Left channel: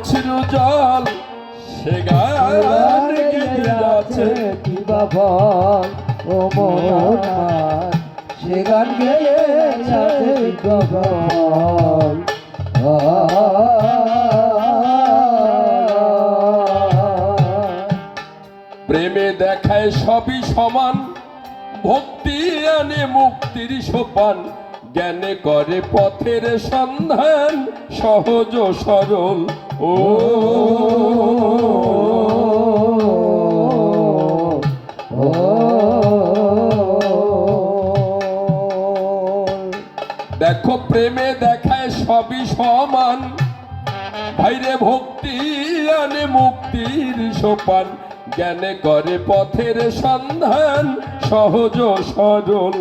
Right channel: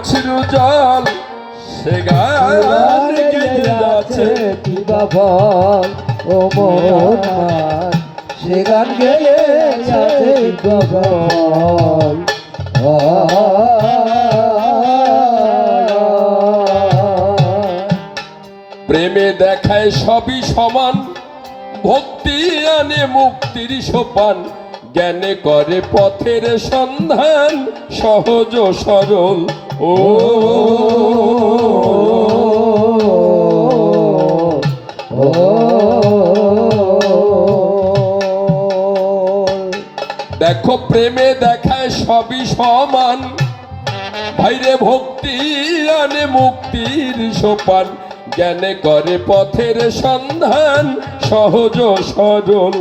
অছরু জল সে যাচ্ছে কি বাবল ও মোহন সে গান গেয়ে বাবল প্রেমে দেখায় সবই সমান ভক্তি আনে মুক্তির সোপান। জ্ঞানে করে পথের সন্ধান, সহজ সরল। ও। দেখো, প্রেমে দেখায় সবই সমান। ভাইরে ভক্তি আনে মুক্তির সোপান। জ্ঞানে করে পথের সন্ধান সহজ সরল।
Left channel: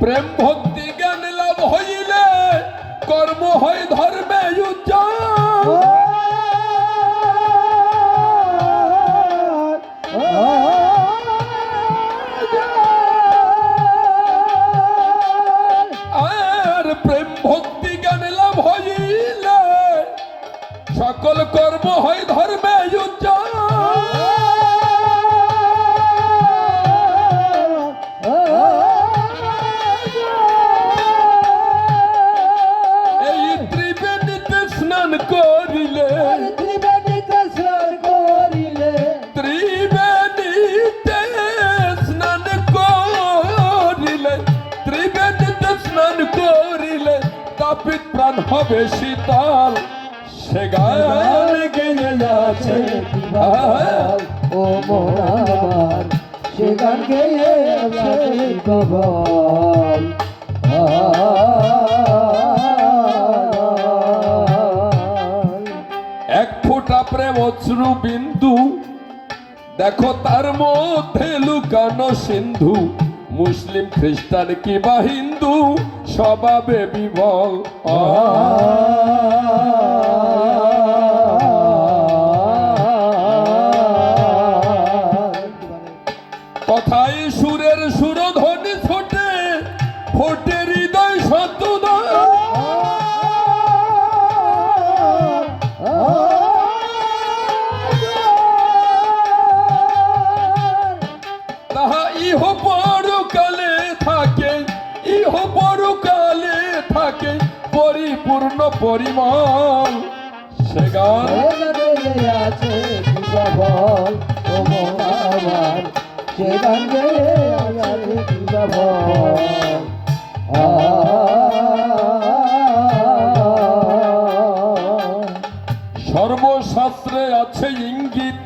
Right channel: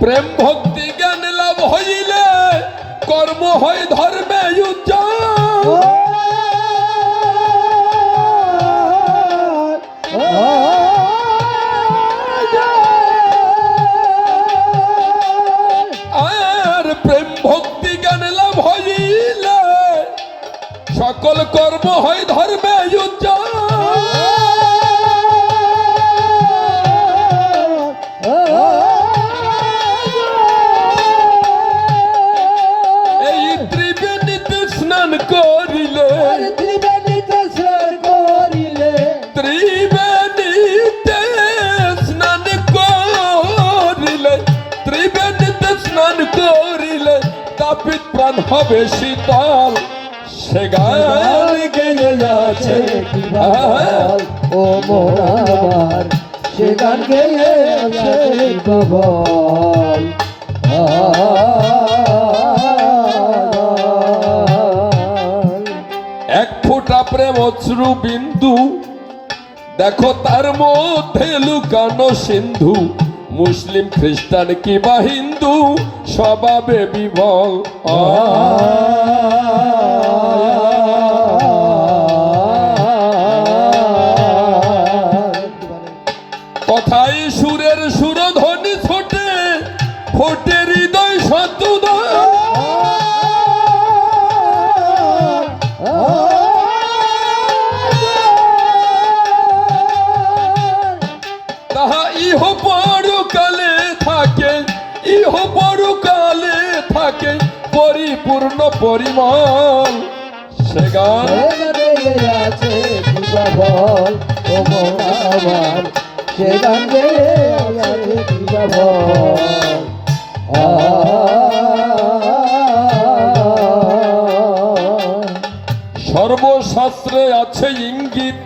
প্রেম ভক্তি জ্ঞান লাভ হইলে কর্ম হয় ধর্মে সকল কর্ম হয় ধর্মে উজ্জ্বল। এই ত্রিবেণীতে স্নান করিলে ত্রিবেণীতে স্নান করিলে ত্রিবেণীতে স্নান করিলে তাপিত প্রাণ হবে শীতল। সে গান গেয়ে যাচ্ছে বাবল এক ফোঁটা প্রেম অশ্রু বিন্দু, দেখো তার মধ্যে লুকানো সিন্ধু। মুসলিম, খ্রিস্টান কিবা হিন্দু, স্বভাবে বিভল কথাই সুরের সুরধ্বনি ছোটে, ফোটে হৃদয় শতুদা তাহা ইহ পরকালে থাকে, ইহ পরকালে থাকে, পরিপূর্ণ পরিমাণ সে গান আছে মোরাবার। সে গান গেয়ে সর্বশাস্ত্রে আছে ইঙ্গিত।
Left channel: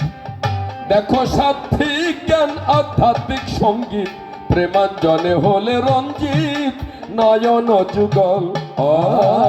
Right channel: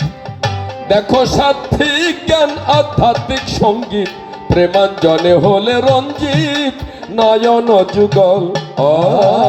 দেখো সাত্বিক জ্ঞান, আধ্যাত্মিক সংগীত। প্রেমাঞ্জনে হলে রঞ্জিত, নয়ন, যুগল। আ